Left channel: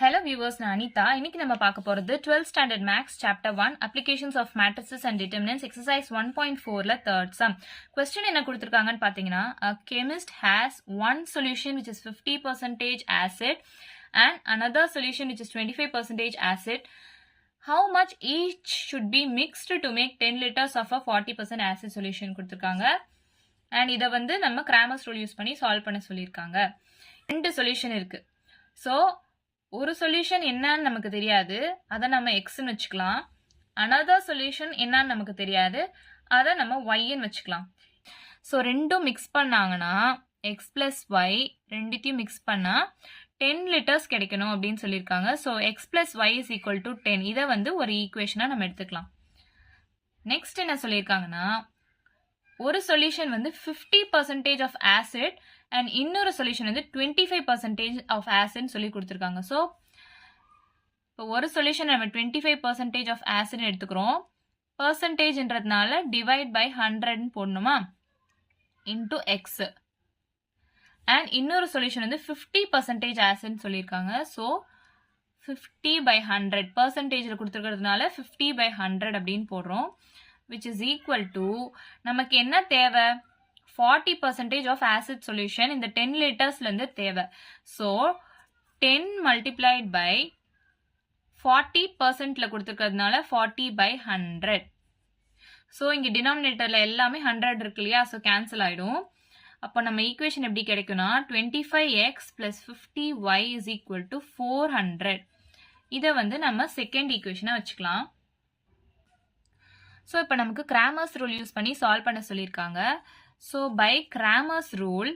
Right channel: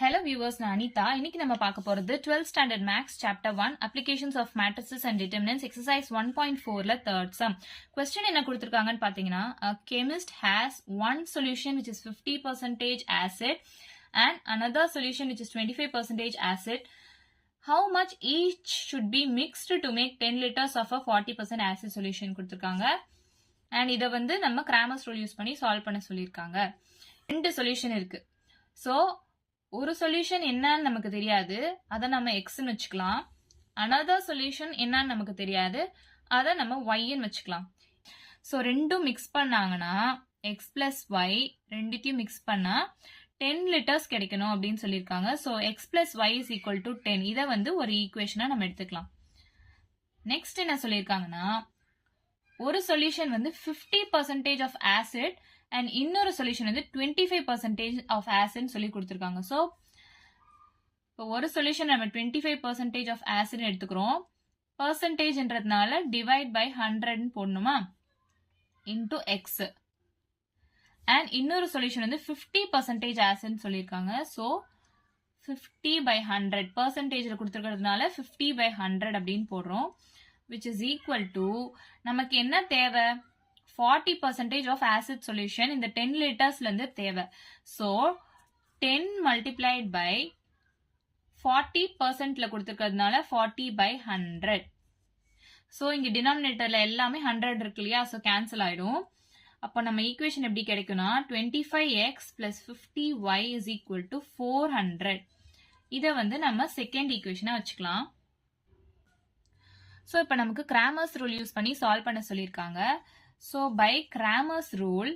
Hello viewers, நான் அனிதா. இன்னைக்கு நம்ம பார்க்க போறது 12th standard maths chapter 1 applications of matrices and determinants exercise 1.4ல third sum. Question என்ன கொடுத்திருக்காங்கன்னு பாத்தீங்கன்னா, a chemist has one solution which is 50% acid and another solution which is 25% acid. How much each should be mixed to make 10 liters of a 40% acid solution கொடுத்திருக்காங்க. and இத வந்து நம்ம Cramer's rule use பண்ணி solve பண்ண சொல்லியிருக்காங்க. ரெண்டு solution இருக்கு. so ஒரு சொல்யூஷன் என்னன்னு நமக்கு தெரியாது, அதை நம்ம எக்ஸ்ன்னு வச்சுக்கலாம். another சொல்யூஷன் என்னன்னு நமக்கு தெரியாது, அதை நம்ம ஒய்ன்னு வச்சுக்கலாம். ஸோ ரெண்டும் மிக்ஸ் பண்ணாங்கன்னா எக்ஸ் பிளஸ் ஒய் ரெண்டுத்தையும் மிக்ஸ் பண்ணா 10 லிட்டர்ஸ் கிடைக்கணும் அப்படின்னு சொல்லியிருக்காங்க. So x plus y is equal to 10. இதை வந்து ஒரு ஈக்குவேஷனா நம்ம எடுத்துக்கலாம். நெக்ஸ்ட் என்ன சொல்லியிருக்காங்கன்னா, ஒரு சொல்யூஷன் வந்து 50% ஆஃப் ஆசிட் அண்ட் இன்னொரு சொல்யூஷன் வந்து 25% ஆஃப் ஆசிட் சொல்லி கொடுத்துருக்காங்க. ஸோ இப்போ ஒரு சொல்யூஷன் நம்ம 25% ஆஃப் ஆசிட் எடுத்துக்கிறோம். பர்சன்டேஜ்ன்றதுனால டிவைட் பை 100 போடணுமா, இன்டூ எக்ஸ். அண்ட் இன்னொரு சொல்யூஷன் வந்து 50% ஆசிட் சொல்லியிருக்காங்க. ஸோ 50/100 பர்சன்டேஜில் கொடுத்துருக்கிறதுனால 50/100 அப்படின்னு போடுறோம். விச் இஸ் ஈக்குவல் டு நமக்கு என்ன தேவை, 40% ஆஃப் ஆசிட் சொல்யூஷன் இந்த 10 லிட்டர்ஸ்ல இருந்து தேவை. ஸோ 10 மல்டிப்ளைட் பை 40%ல கொடுத்துருக்கிறதுனால 40/100. ஸோ இங்க டினாமினேட்டர்ல எல்லாமே 100 இருக்கு இல்லையா, ஸோ கேன்சல் ஆயிடும். அப்போ நம்ம ஈக்குவேஷன் எப்படி கிடைக்கும்னா 25x plus 50y is equal to 400. இதை வந்து நம்ம செகண்ட் ஈக்குவேஷனா வச்சுக்கலாம். ஸோ இப்போ நமக்கு Cramer's rule யூஸ் பண்ணி சால்வ் பண்ண சொல்லியிருக்காங்க. ஸோ பை Cramer's rule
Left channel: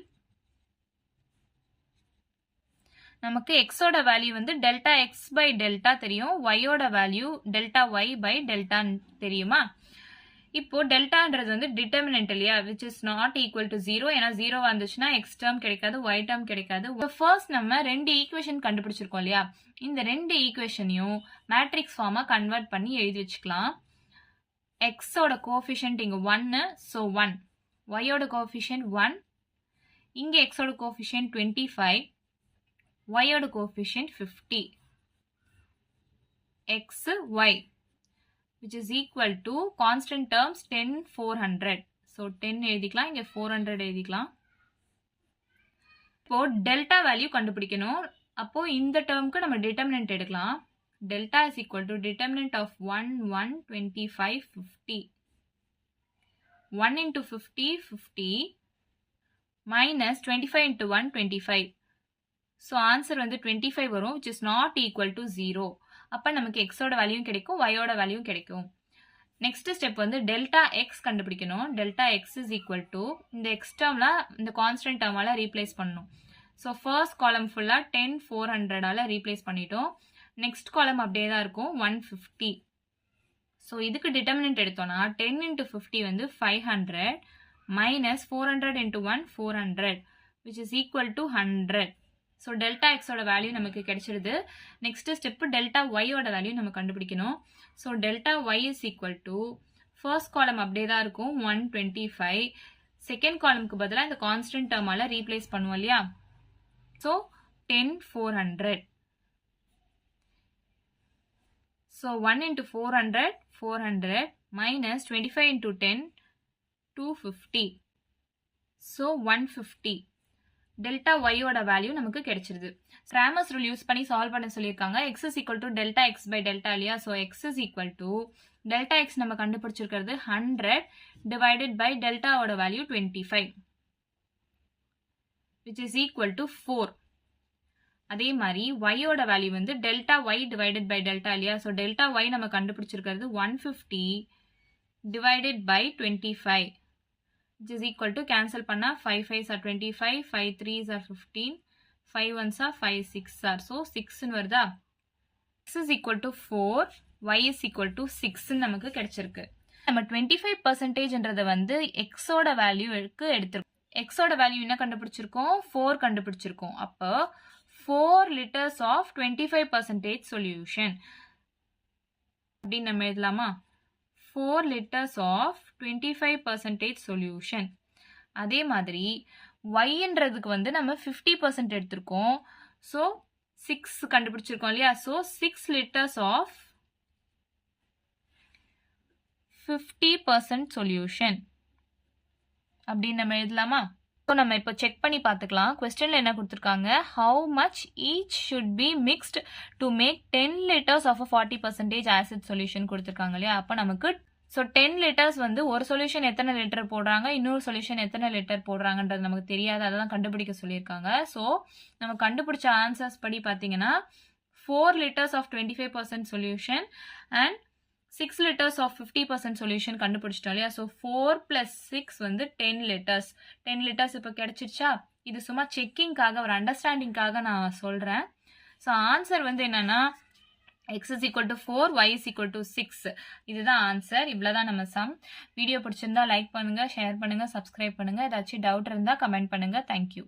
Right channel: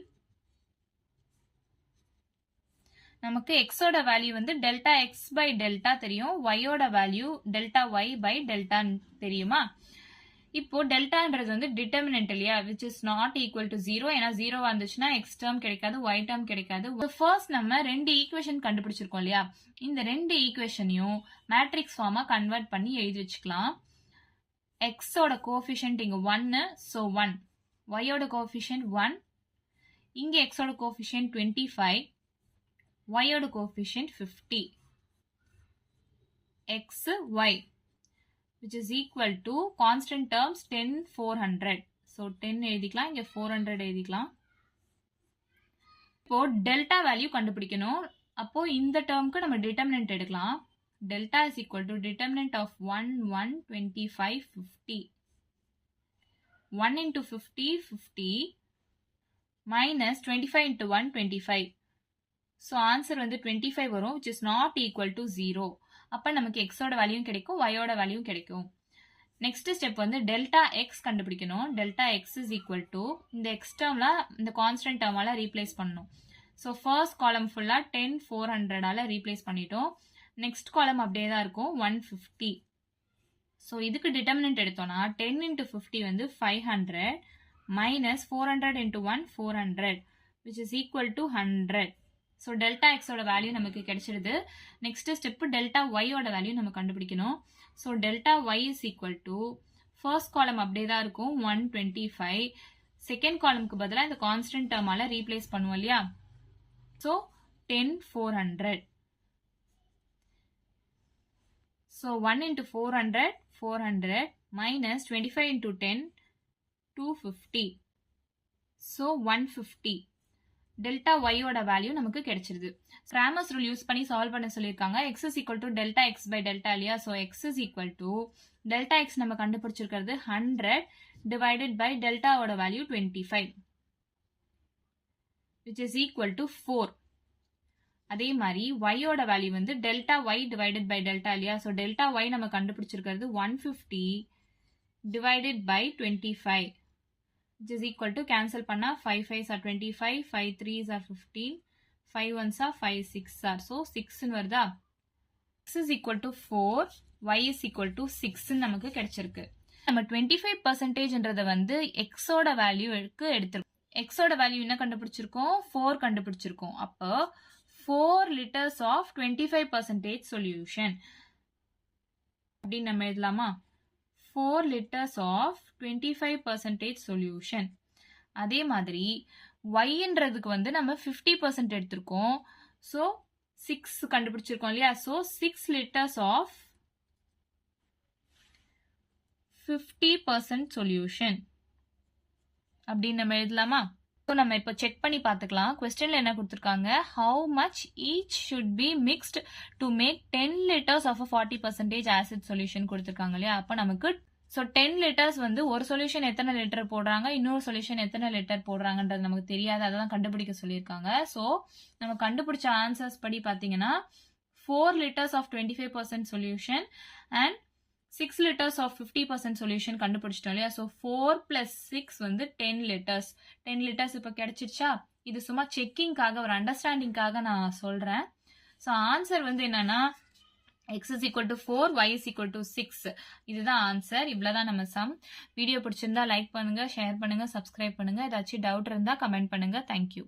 நமக்கு எக்ஸோட வேல்யூ வந்து டெல்டா எக்ஸ் பை டெல்டா தெரியும், ஒய்யோட value delta y by delta தெரியுமா. இப்போ டெல்டான்றது வந்து டிட்டர்மினன்ட் இல்லையா, which is not equal to 0. ஏன்னா 0 வந்துச்சுன்னா எக்ஸ் டேர்ம் கிடைக்காது, ஒய் டேர்ம் கிடைக்காது. ஃபர்ஸ்ட் நம்ம ரெண்டு ஈக்குவேஷன் கண்டுபிடிச்சிருக்கோம் இல்லையா, இந்த ரெண்டு ஈக்குவேஷனையும் மேட்ரிக்ஸ் ஃபார்மா கன்வெர்ட் பண்ணி எழுதி வச்சுக்கலாம். எக்ஸோட கோஎஃபிஷியன்ட் இங்க 1, ஸோ 1. ஒய்யோட கோஎஃபிஷியன்ட் 1, இங்க எக்ஸோட கோஎஃபிஷியன்ட் 25, ஒய்யோட coefficient 50. X y which is equal to constant terms 10 400. so 10 எழுதிக்கலாம், இங்க 400 எழுதிக்கலாம். இப்போ டெல்டா வேல்யூ கண்டுபிடிக்கணும். அப்போ இந்த டேர்முக்கு நம்ம டிட்டர்மினன்ட் எடுக்கலாம். Delta is equal to determinant of 1 1 25 50. 1 into 50 50 minus 25 into 1 25. so answer வந்து 25 வரும், which is not equal to 0. அப்ப நமக்கு எக்ஸோட வேல்யூவும் கிடைக்கும், ஒய்யோட வேல்யூவும் கிடைக்கும். நெக்ஸ்ட் ஸ்டெப் வந்து டெல்டா எக்ஸ் கண்டுபிடிக்கணும். Delta X is equal to இந்த எக்ஸ் டேர்ம்ல இந்த கான்ஸ்டன்ட் டேர்மால ரீப்ளேஸ் பண்ணணும். ஸோ ஃபர்ஸ்ட் காலம் ஃபுல்லா 10 400ஆல ரீப்ளேஸ் பண்ணிட்டோம். நெக்ஸ்ட் காலம் அப்படியே தான் இருக்கும் 150. ஸோ இதுக்கு டிட்டர்மினன்ட் எடுத்தோம்னா 10 into 50 வந்து 500 minus 400 into 1 400 which is equal to 100. So delta எக்ஸோட வேல்யூ நமக்கு கிடைச்சிருது. நெக்ஸ்ட் ஸ்டெப் டெல்டா ஒய்யோட வேல்யூ நம்ம கண்டுபிடிக்கணும். So delta y is equal to first column அப்படியே தான் இருக்கும் 125. செகண்ட் காலமுக்கு பதிலாக இந்த கான்ஸ்டன்ட் டேர்மால ரீப்ளேஸ் பண்ணுவோம் இல்லையா, so 10 400. So 1 into 400 400 minus 25 into 10 250. So 150. Delta ஒய்யோட வேல்யூ நமக்கு கிடைச்சிருது. Cramer's rule யூஸ் பண்ணி சால்வ் பண்ண சொல்லியிருக்காங்க. x is equal to delta x by delta இல்லையா, ஸோ x is equal to delta x நம்ம கண்டுபிடிச்சிருக்கிறது 100 divided by deltaவோட value 25 which is equal to 4. அதே மாதிரி ஒய்யோட வேல்யூ வந்து delta y divided by delta இல்லையா, ஸோ டெல்டா ஒய் நம்ம கண்டுபிடிச்சிருக்கிறது 150 divided by 25 which is equal to cancel பண்ணா 5 5s are 25, 5 3s are 15, 5 1s are 5 6 are, so 6 வருதா. x is equal to 4, y is equal to 6 நமக்கு கிடைச்சிருக்கு. நம்ம 25%ன்றத வந்து எக்ஸோட வேல்யூக்கு எடுத்திருக்கோம். எக்ஸோட வேல்யூ என்ன கண்டுபிடிச்சிருக்கோம், 4 கண்டுபிடிச்சிருக்கோம். அப்போ 4 liters of 25% சொல்யூஷன் அப்படின்னு நம்ம எழுதலாமா. 4 liters of 25% சொல்யூஷன். அதே மாதிரி yன்றதுக்கு வந்து நம்ம 50% எடுத்திருக்கோம். ஸோ 6 கண்டுபிடிச்சிருக்கோம் இல்லையா? ஸோ 6 liters ஆஃப் 50% சொல்யூஷன் அப்படின்னு நம்ம எழுதலாமா? ஸோ நம்ம இப்போ செக் பண்ணி பார்த்துக்கலாம். கொஸ்டின்ல என்ன கொடுத்துருக்காங்க, how much each should be mixed to make 10 liters of 40% acid solution கொடுத்துருக்காங்க இல்லையா? அப்போ நமக்கு ஸோ 10 liters வந்து ஒரு சொல்யூஷன் எத்தனை லிட்டர் போடுறாங்க, இன்னொரு சொல்யூஷன் எத்தனை லிட்டர் போடுறாங்கன்றது நமக்கு தெரியாது. அதெல்லாம் கண்டுபிடிக்க சொல்லியிருக்காங்க. ஸோ நம்ம கண்டுபிடிச்ச ஆன்சர்ஸ் படி பார்த்தீங்கன்னா 4 liters of 25% solution and 6 liters of 50% solution கண்டுபிடிச்சிட்டோம் இல்லையா? ஸோ 4 + 6 வந்து 10 liters. 10 liters இப்போ கிடைச்சிருச்சா? இது சும்மா செக்கிங்காக, ஒரு அண்டர்ஸ்டாண்டிங்காக நான் சொல்கிறேன். ஸோ ஆன்சர் வந்து என்னன்னா x is equal to 4, y is equal to 6. இதுதான் ஆன்சர். இவ்வளோதான் நம்ம சம். வீடியோ பிடிச்சிருந்தா லைக் பண்ணுங்க, ஷேர் பண்ணுங்க, சப்ஸ்கிரைப் பண்ணுங்க. ஏதாச்சும் டவுட் இருந்தால் கமெண்ட் பண்ணுங்க. தேங்க்யூ.